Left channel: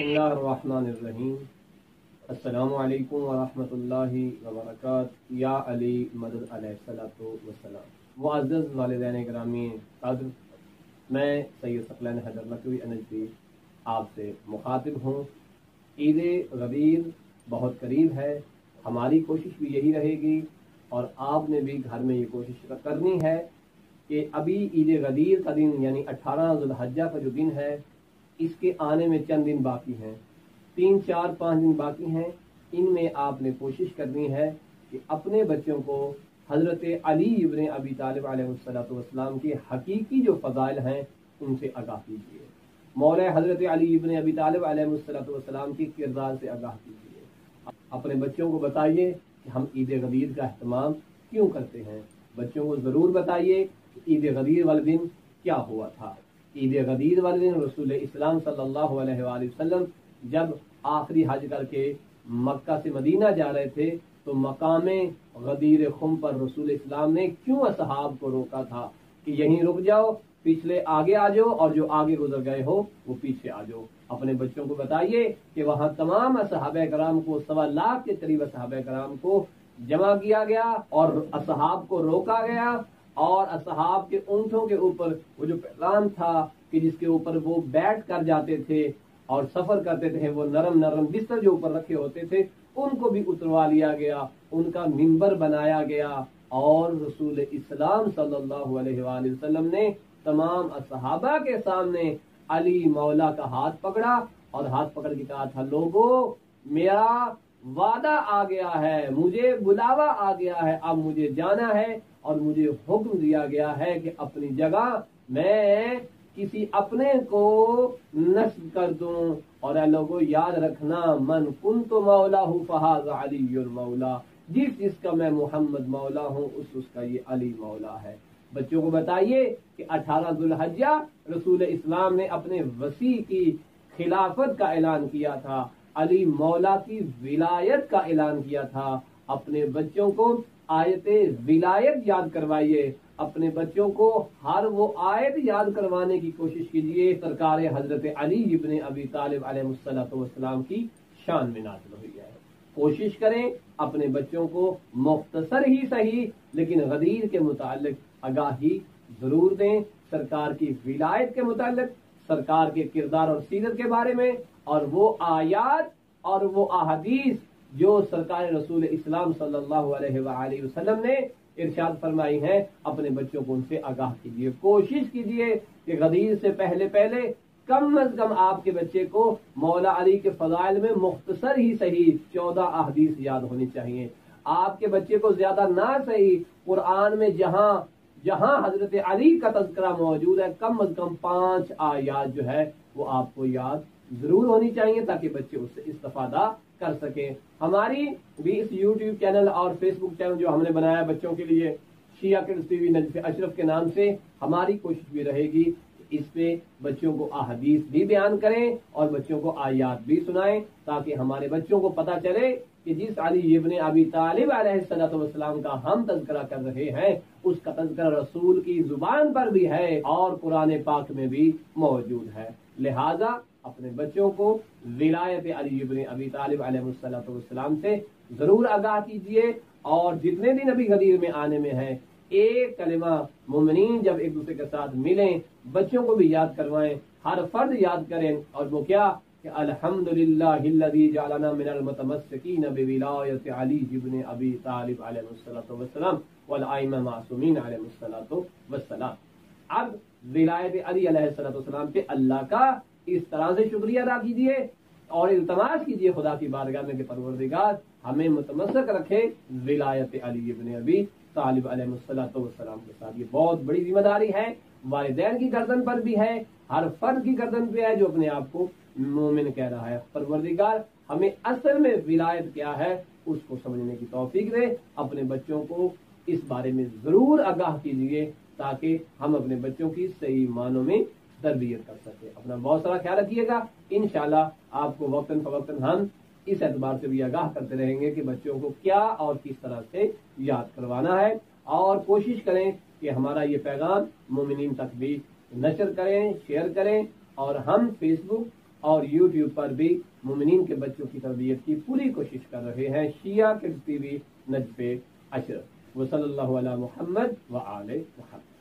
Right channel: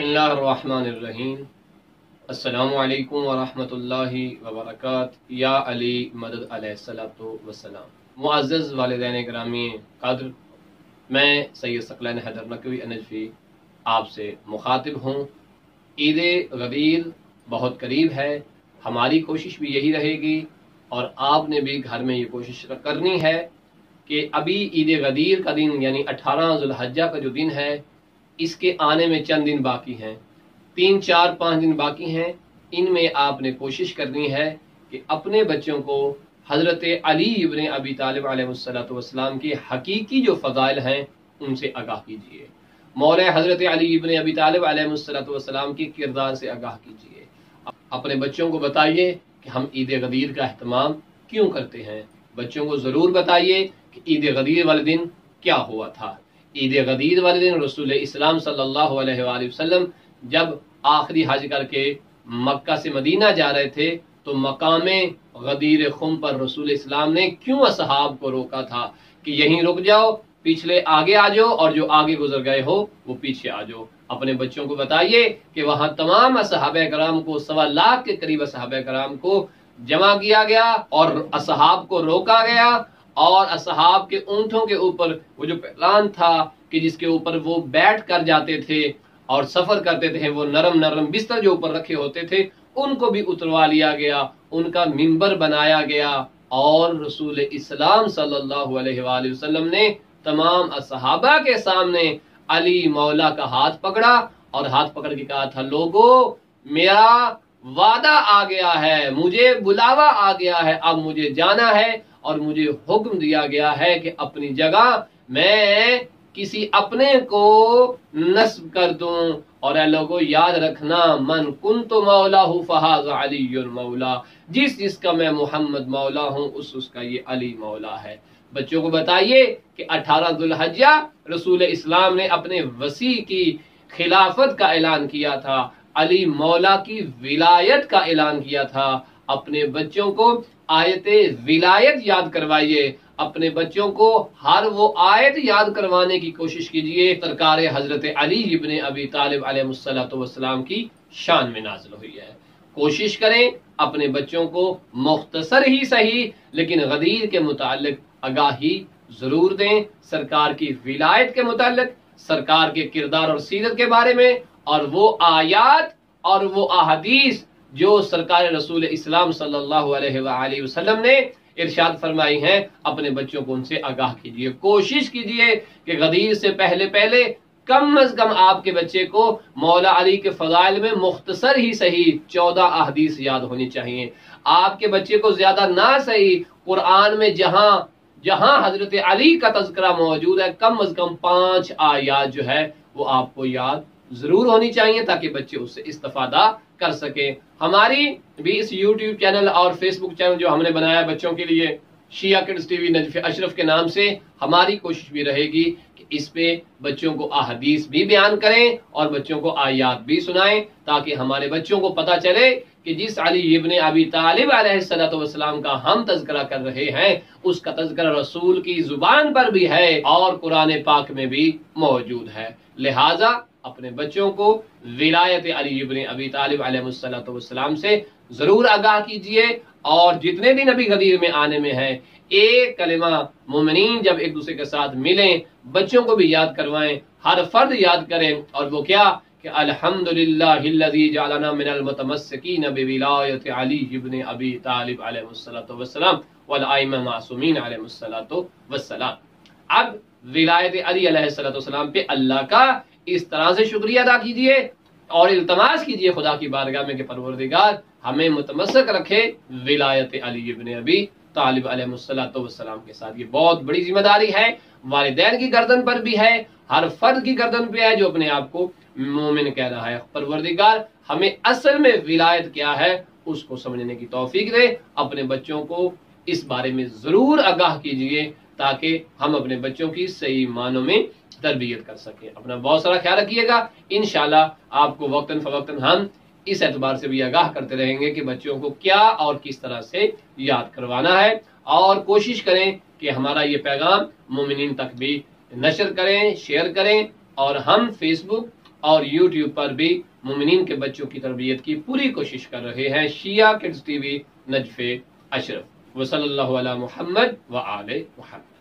बिस्मिल्लाहिर्रहमानिर्रहीम। अस्सलामु अलैकुम वरहमतुल्लाहि वबरकातुहू। या अली मदद अलैहिस्सलातु वस्सलाम। मुअज़्ज़ज़ वालिदैन गिरामी क़द्र, मैं सैयद सकलैन हैदर नकवी अनजफी आपसे मुखातिब हूँ। ईद गदीर बहुत करीब है। हमारी कोशिश भी यही रहेगी और आपने भी घर में ये कोशिश करनी है कि अभी ईद गदीर का दिन यानी 18 ज़ुल्हज्जा का जो दिन है, इसके आने में चंद दिन बाकी हैं, 3, 4, 5 दिन बाकी हैं। इनमें आपने कोशिश करनी है कि अपने बच्चों को हज़रत अली इब्न अबी तालिब अलैहिस्सलातु वस्सलाम के हकीकी जो फ़ज़ाइल हैं उनसे आगाह कीजिए। मौला हज़रत अली इब्न अबी तालिब अलैहिस्सलातु वस्सलाम के किरदार से आगाह कीजिए। अपने बच्चों को बताइए कि हम ईद गदीर का अहतमाम क्यों करते हैं। बच्चों को ज़रूर बताइए कि ईद गदीर वाले दिन क्या हुआ था। ईद गदीर वाले दिन रसूल इस्लाम सल्लल्लाहु अलैहि वसल्लम जब आखिरी हज करके मक्का से मदीना जा रहे थे तो मकामे गदीर खुम पर रसूल इस्लाम ने क्यों असहाब को रोका था कि यहीं रुक जाओ, पिछले आगे आ जाओ और जो आगे गुजर गए हो वो पीछे आ जाओ। अपने बच्चों को बताइए कि वहां तमाम असहाबे कराम को 1.25 लाख के करीब असहाबे कराम को जमा किया गया और असहाब को रोका गया और असहाब के ऊंटों के ऊपर वो जो पैलान था कि जिसके ऊपर वो बैठ कर जाते थे और सफर करते थे, वो नरम नरम बिस्तर जो ऊपर रखे होते थे उनको भी उतरवा लिया गया, उनका मिंबर बनाया गया और रसूल इस्लाम सल्लल्लाहु अलैहि वसल्लम ने तमाम असहाबा के सामने अली मौला का हाथ पकड़ा और हाथ पकड़ के कहा था, लोगों मेरा वादा आ गया है, मुझे बुलावा आ गया है, अब मुझे जाना है और मुझे हुक्म दिया गया है कि अपनी जगह मैं किसी अपने को नस्ब कर दूं। और ऐ लोगों याद रखना, मन कुन्तु मौलाहु फहाज़ा अलीयुल मौला, जिसका मैं मोहम्मद मौला हूं उसका ये अली मौला है। बच्चों को बताइए कि 18 ज़ुल्हज्जा रसूल इस्लाम ने अपने वसी की खिलाफत का ऐलान किया था, अली मौला की विलायत का ऐलान किया था। अपने बच्चों को आयते विलायत याद करवाइए, अपने बच्चों को हर वो आयत याद करवाने की कोशिश कीजिए सरकार हजरत अली इब्न अबी तालिब अलैहिस्सलातु वस्सलाम की शान में नाज़िल हुई है। कोशिश करें अपने बच्चों को मुख्तसर ही सही लेकिन गदीर के मुतालिक आगाही जरूर दें, सरकार की विलायत के मुतालिक, सरकार के किरदार और सीरत के बारे में, और वो आयात और वो अहादीस जो सरकार रसूल इस्लाम सल्लल्लाहु अलैहि वसल्लम ने इरशाद फरमाई हैं, अपने बच्चों को उनसे आगाह कीजिए। कोशिश कीजिए कि गदीर से पहले पहले कम अज कम आपके बच्चे को मौला अली के फजाइल में मुख्तसर ही सही 14 अहदीस याद होनी चाहिए। आपके बच्चे को ज्यादा ना सही कुरान में जहां जहां हजरत अली का तज़किरा मौजूद है, कम अज कम 5 आयात जो है वो आपको याद जरूर होनी चाहिए ताकि बच्चे उससे इस्तेफादा कर सके। हमारी भी इस YouTube चैनल और Facebook चैनल जो हमने बनाया बच्चों के लिए, शिया किड्स टीवी नजफ अशरफ के नाम से, हमारी कोशिश भी रहेगी कि इस पे बच्चों को अहदीस भी बयान करें और बच्चों को आयात भी सुनाएं ताकि हमारे बच्चों को पता चले कि जिस अली इब्न अबी तालिब अलैहिस्सलातु वस्सलाम का हम तज़किरा कर रहे हैं उसका तज़किरा रसूल की जुबान पर भी है और कुरान पाक में भी मौजूद है। लिहाजा अपने बच्चों को विलायत अली इब्न अबी तालिब अलैहिस्सलातु वस्सलाम से जरूर आगाह कीजिए और जितने दिन अभी गदीर में आने में है, एक कलिमा मोमिनीन जब एक दूसरे के साथ मिलें बच्चों को भी याद करवाएं, हर फर्द याद करें, और वो क्या कि अल्हम्दुलिल्लाहिल्लज़ी जअलना मिनल मुतमस्सिकीन बिविलायत अली इब्न अबी तालिब अलैहिस्सलातु वस्सलाम वल आइम्मा मासूमीन अलैहिस्सलातु वस्सलाम। अब विलायत अली अलैहिस्सलातु वस्सलाम पे अल्लाह का इस तरह से शुक्रिया अदा कीजिए और इल्तमास कीजिए खुदा की बारगाह में कि परवरदिगार हमें मुतमस्सक रखे विलायत अली इब्न अबी तालिब अलैहिस्सलातु वस्सलाम के साथ। ये बहुत बड़ी जिम्मेदारी है, वालिदैन की गर्दन पर भी है, हर फर्द की गर्दन पे है जो अपने आप को मोमिन कह रहा है। परवरदिगार हमें असल में विलायत क्या है उसको समझने की तौफीक दे। अपने बच्चों को इस बारे में जरूर आगाह कीजिए ताकि हम अपने बच्चों की सही मानों में तरबियत कर सके। अपना बहुत सारा ख्याल रखिएगा। इंशाल्लाह आपको वक्तन फवक्तन हम इस एतबार से भी आगाह करते रहेंगे कि बच्चों को क्या और किस तरह से याद करवाना है, और कोशिश करें कि हमारा ये पैगाम मोमिनीन तक भी नशर करें, शेयर करें, और हम फेसबुक اور یوٹیوب پر بھی مومنین کے بچوں کی تربیت کی پوری کوشش کر رہے ہیں. Shia kids TV, Najaf Ashraf. وصلی اللہ علی محمد و آل محمد.